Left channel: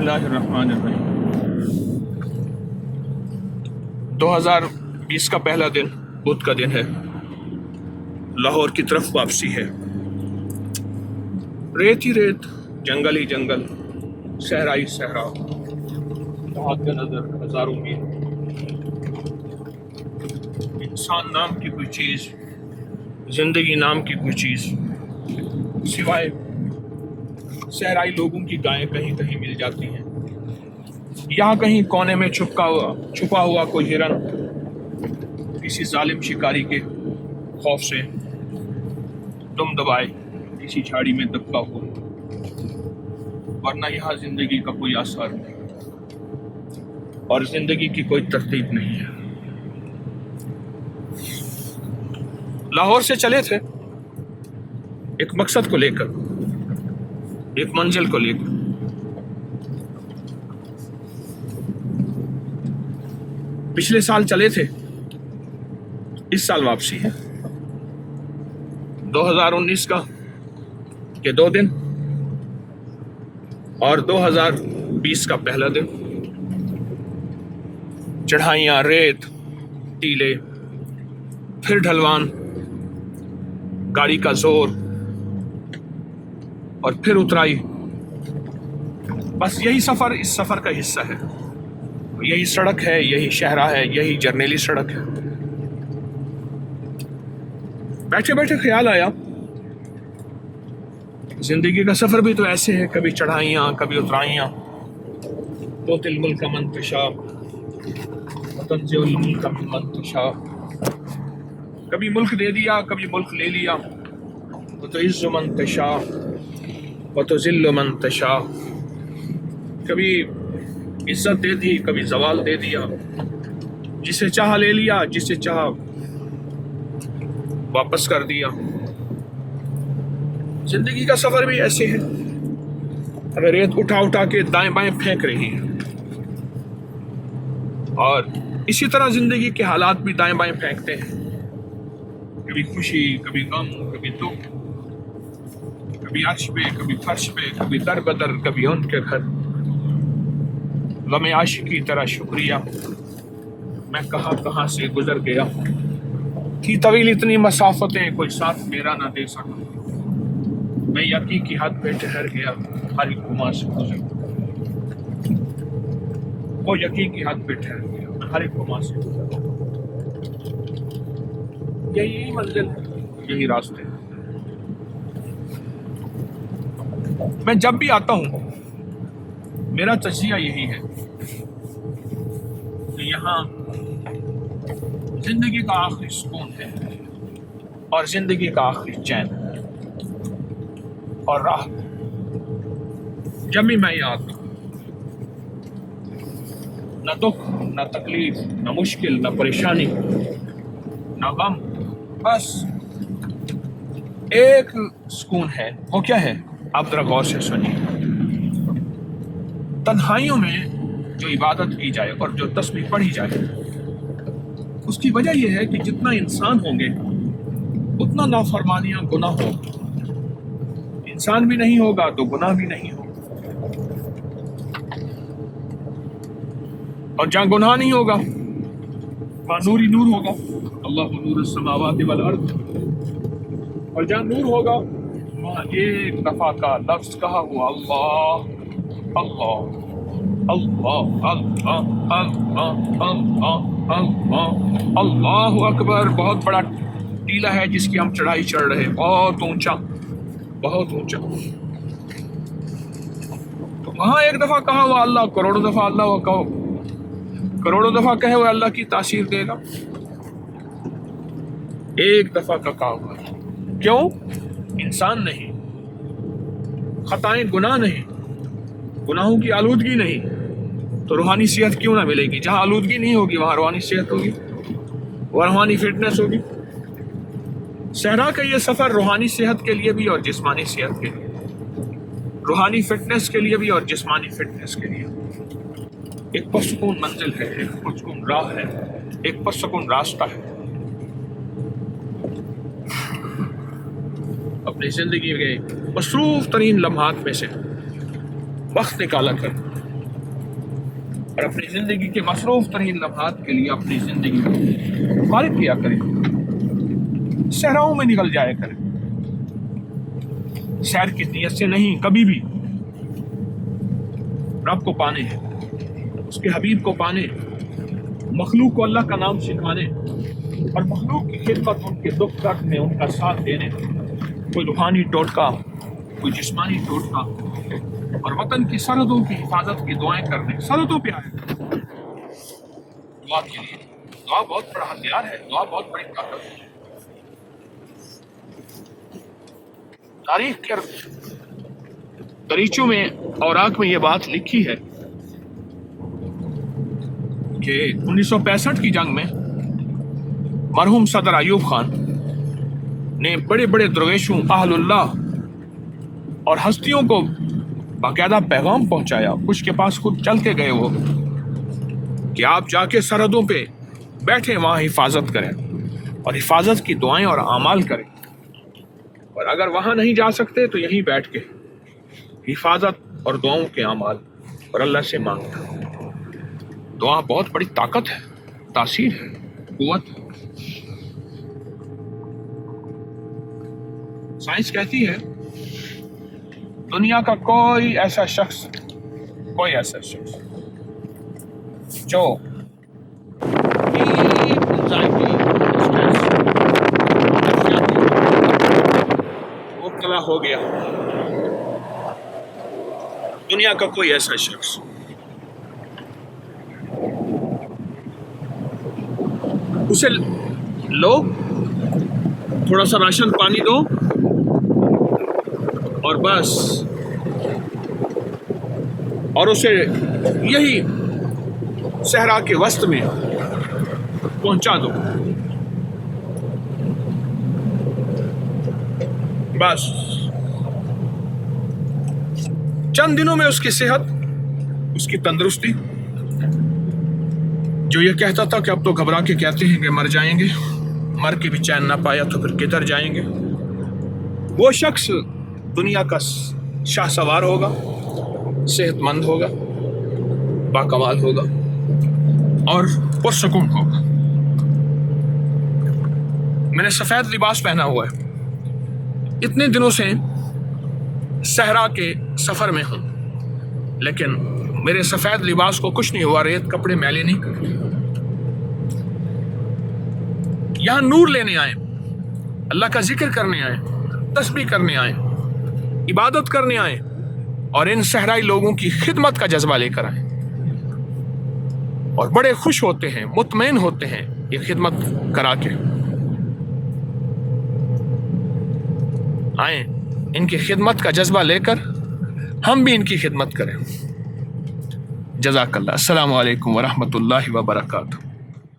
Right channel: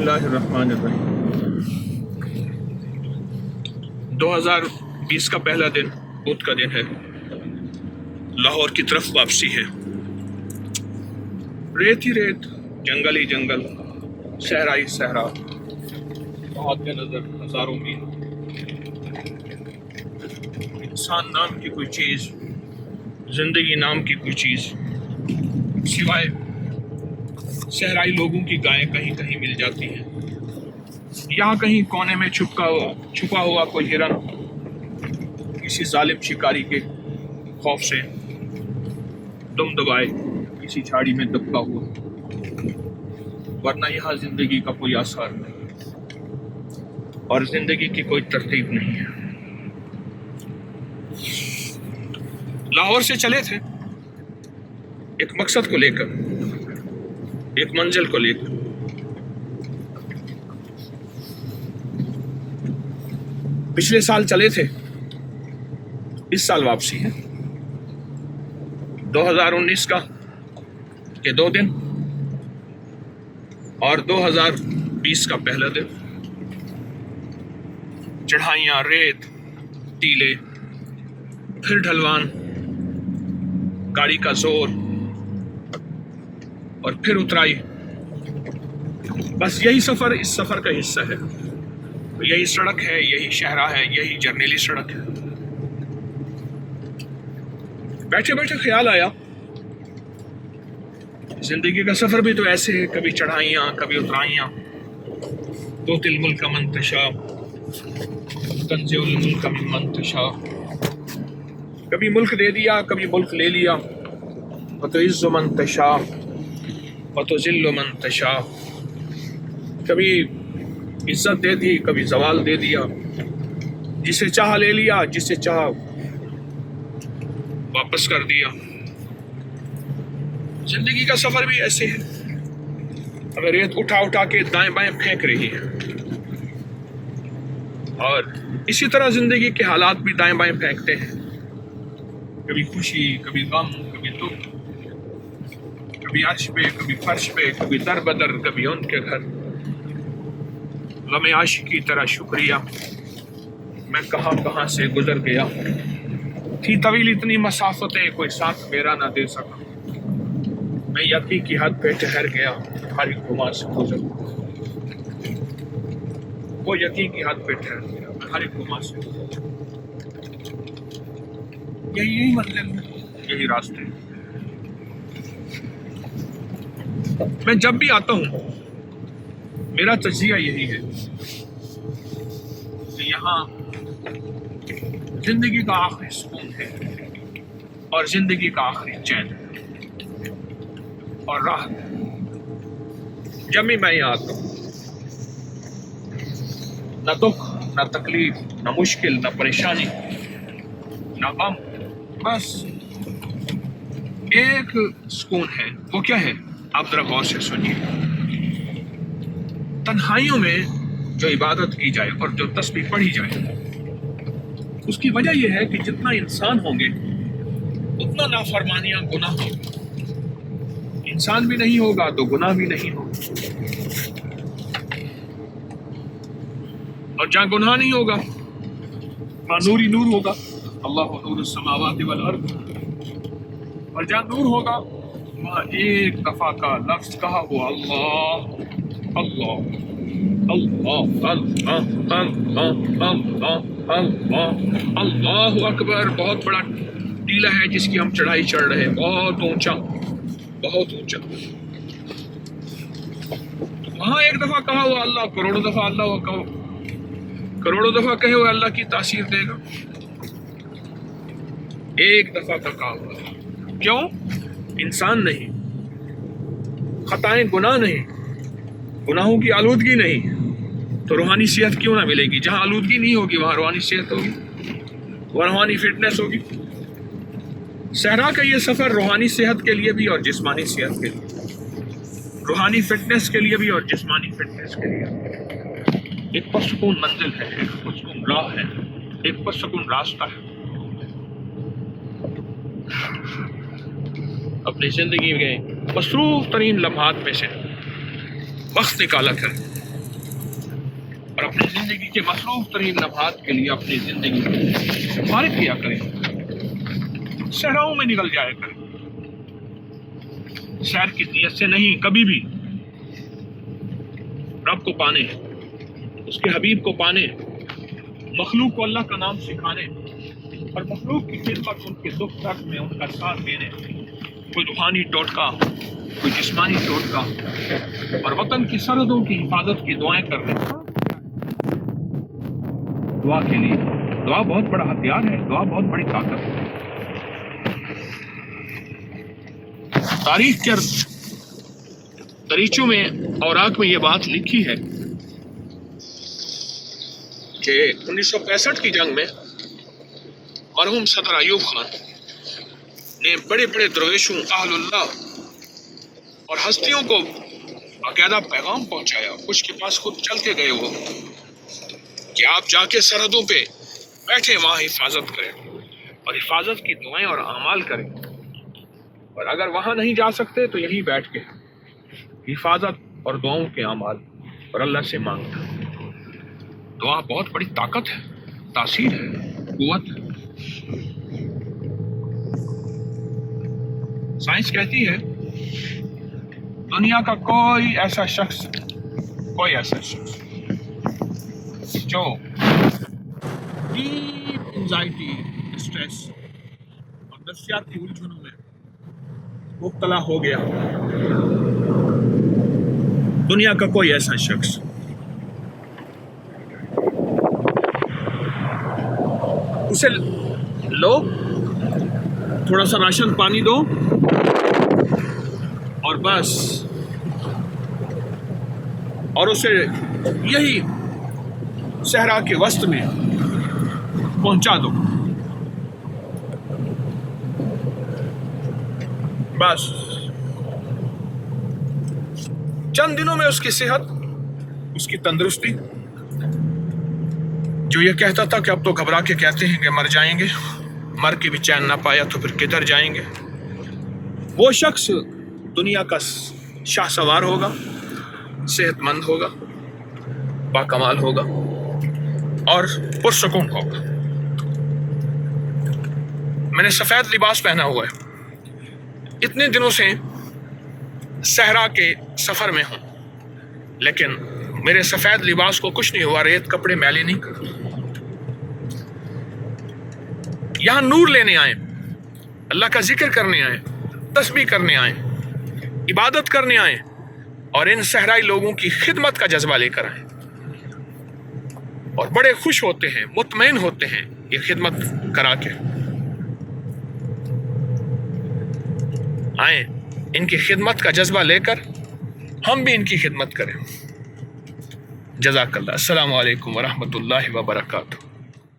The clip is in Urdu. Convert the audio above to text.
اللہ الرحمن الرحیم۔ 2020 کا پہلا دن بدھ کا دن ہے، لاہور کی طرف واپسی ہے۔ ریت ہی ریت، جنگل ہی جنگل، صحرا ہی صحرا، بہت کے نظر ہزاروں میل۔ انسان نام کی کوئی چیز، زندگی نام کی کوئی چیز سوائے صحرائی لوگوں کی گائیں کہیں کہیں مل جاتی ہیں۔ یہاں کہیں کونے میں چھپا ہوا کوئی ہرن کسی ظالم شکاری کے خوف سے دم دبائے کسی جھاڑی میں دبکا ہوا، ورنہ یہاں زندگی کا کوئی آثار نہیں اور زندگی کی کوئی ترتیب نہیں ہے۔ لاہور سے چلے تھے ایک مقصد کو لے کر، ایک منزل کو لے کر۔ پچھلے سال چلے تھے، اس سال واپسی ہے۔ 2019 کا کے 2 دن اور 2020 کا پہلا دن۔ چڑھائیاں، ریت، ٹیلے، پھر ڈھلوان، گاڑی کا زور اور پھر اترائی۔ بس یہی سفر اس سفر کا حصہ ہے۔ یہی سڑک ہے، یہی شہرہ ہے، یہی جرنیلی سڑک ہے۔ بیٹھے بیٹھے خیال آیا، زندگی کا سفر بھی تو ایسے ہے، کبھی چڑھائیاں، کبھی اترائیاں۔ توتی الملک من تشاء وتنزع الملک ممن تشاء۔ کبھی ملک دے دیا، کبھی ملک لے لیا۔ وتعز من تشاء وتذل من تشاء۔ کبھی عزت دے دی، کبھی زوال دے دیا۔ جسے چاہا لے لیا، جسے چاہا واپس کر دیا۔ زندگی کا سفر بھی ایسے ہے، اگر ریت اٹھا اٹھا کے دائیں بائیں پھینک رہی ہے، اور اسی طرح زندگی کے حالات بھی دائیں بائیں پھینکتے ہیں۔ کبھی خوشی، کبھی غم، کبھی دکھ، کبھی عرش پہ، کبھی فرش پہ، کبھی در بدر، کبھی ان کے گھر۔ غم عاشقی طرح شکریہ، میں کہاں سے گزر گیا۔ تھی طویل اتنی مسافتیں، کوئی ساتھ میرا نہ دے سکا۔ میں یقین کی حد پہ ٹھہر گیا، ہر ایک گماں سے گزر گیا۔ وہ یقین کی حد پہ ٹھہر گیا، ہر ایک گماں سے گزر گیا۔ یہی منزل ہے، یہی راستے۔ میں جب بھی آتا ہوں میرا تجزیہ یہی ہے کہ یہاں زندگی کا آخری سکون ہے اور زندگی کا آخری چین اور راحت ہے۔ جب بھی میں یہاں آتا ہوں، نہ دکھ، نہ تکلیف، نہ مشکل، نہ پریشانی، نہ غم، بس ایک سکون ہے۔ وہ کیا ہے؟ آپ ذرا غور سے سنیے۔ تنہائیوں میں جو عبادت کی جائے اور جو تسبیح پڑھی جائے، اس کی وجہ یہ ہے کہ جتنا انسان ہوں گے اتنا نافرمانیاں گناہ ہوگا۔ انسان بھی نہیں ہوگا تو گناہ بھی نہیں ہوگا، اور جہاں گناہ نہیں ہوگا وہاں نور ہی نور ہوگا۔ اللہ نور السماوات والارض۔ اور جہاں نور ہوگا وہاں ایک دفعہ کا لفظ کہا ہوا اللہ اللہ اللہ اللہ اللہ اللہ اللہ اللہ اکبر، بہت بڑا ٹیلا ہے جس کی ہم چڑھائی چڑھ رہے ہیں، بہت اونچا، بہت اونچا۔ تو وہاں ایک دفعہ کہا ہوا اللہ، کروڑوں دفعہ اللہ کہو، کروڑوں دفعہ کہے ہوئے اللہ کی تاثیر دے گا۔ ایک دفعہ کا کہا ہوا، کیوں؟ انسان نہیں، خطائیں گناہ نہیں، گناہوں کی آلودگی نہیں، تو روحانی صحت کیوں نہ ملے گی؟ جہاں آلودگی نہیں ہوگی وہاں روحانی صحت ہوگی، وہ روحانی فٹنس ہوگی۔ صحرا کا یہ سفر روحانی صحت کے لیے بھی اور جسمانی صحت کے لیے، روحانی فٹنس کے لیے بھی اور جسمانی فٹنس کے لیے ایک پرسکون منزل ہے، ایک پرسکون راہ ہے، ایک پرسکون راستہ ہے۔ اپنی زندگی کے مصروف ترین لمحات میں سے وقت نکالا کر اور اپنی زندگی کے مصروف ترین لمحات کے لیے اپنی زندگی کو فارغ کیا کریں، صحراؤں میں نکل جایا کریں، سیر کی نیت سے نہیں، کبھی بھی رب کو پانے، اس کے حبیب کو پانے، مخلوق کو اللہ کا نام سکھانے اور مخلوق کی خدمت، ان کے دکھ درد میں ان کا ساتھ دینے، کوئی روحانی ٹوٹکا، کوئی جسمانی ٹوٹکا، اور وطن کی سرحدوں کی حفاظت کی دعائیں کرنے، سرحدوں پہ آئے دعا کے لیے۔ دعا بہت بڑا ہتھیار ہے، دعا بہت بڑی طاقت ہے۔ تاریخ کے دریچوں میں، اوراق میں یہ بات لکھی ہے کہ 1965 کی جنگ میں مرحوم صدر ایوب خان نے بڑے بڑے درویشوں، اہل اللہ اور ہستیوں کو باقاعدہ پیغام پہنچایا، کچھ کے پاس خود چل کے گئے وہ، کہ آپ جا کے سرحدوں پہ بیٹھیں، وہاں حفاظت کریں اور حفاظت کی دعائیں اور اعمال کریں، اور اگر وہاں نہیں جا سکتے تو یہیں بیٹھ کے حفاظت اور دعاؤں کے اعمال اور اللہ سے مانگنا۔ دعا بہت بڑی طاقت ہے، تاثیر ہے، قوت ہے۔ سائنس کہتی ہے دنیا کا کوئی ایسا شخص جو انزائٹی، اسٹریس، نفسیاتی مبتلا ہو گیا، دنیا کا کوئی ایسا شخص، اسے لو، تھوڑا سا راشن پانی دو اور بس، اور اسے یہی صحرا کے وسط میں پہنچا دو، بس چند دنوں میں اس کی صحت، اس کی تندرستی، جو یہ کہتا تھا کہ اب تو گھبرا کے کہتے ہیں کہ مر جائیں گے، مر کے بھی چین نہ پایا تو پھر کدھر جائیں گے، وہ شخص دنیا کا شاہ سوار ہوگا، صحت مند ہوگا، باکمال ہوگا اور پرسکون ہوگا۔ میں نے سفید لباس پہنا ہوا ہے، اتنے دنوں سے صحرا کے سفر میں ہوں، لیکن میرے سفید لباس کو کچھ نہیں ہوا، ریت کپڑے میلے نہیں کرتے۔ یہاں نور لینے آئے، اللہ کا ذکر کرنے آئے، تسبیح کرنے آئے، عبادت کرنے آئے، اور ان صحرائی لوگوں کی خدمت کا جذبہ لے کر آئے، اور بڑے خوش ہوتے ہیں، مطمئن ہوتے ہیں یہ خدمت کرا کے۔ آئیں ان کی خدمت کا جذبہ لے کر ہم بھی ان کی خدمت کریں۔ جزاک اللہ۔ السلام علیکم ورحمۃ اللہ وبرکاتہ۔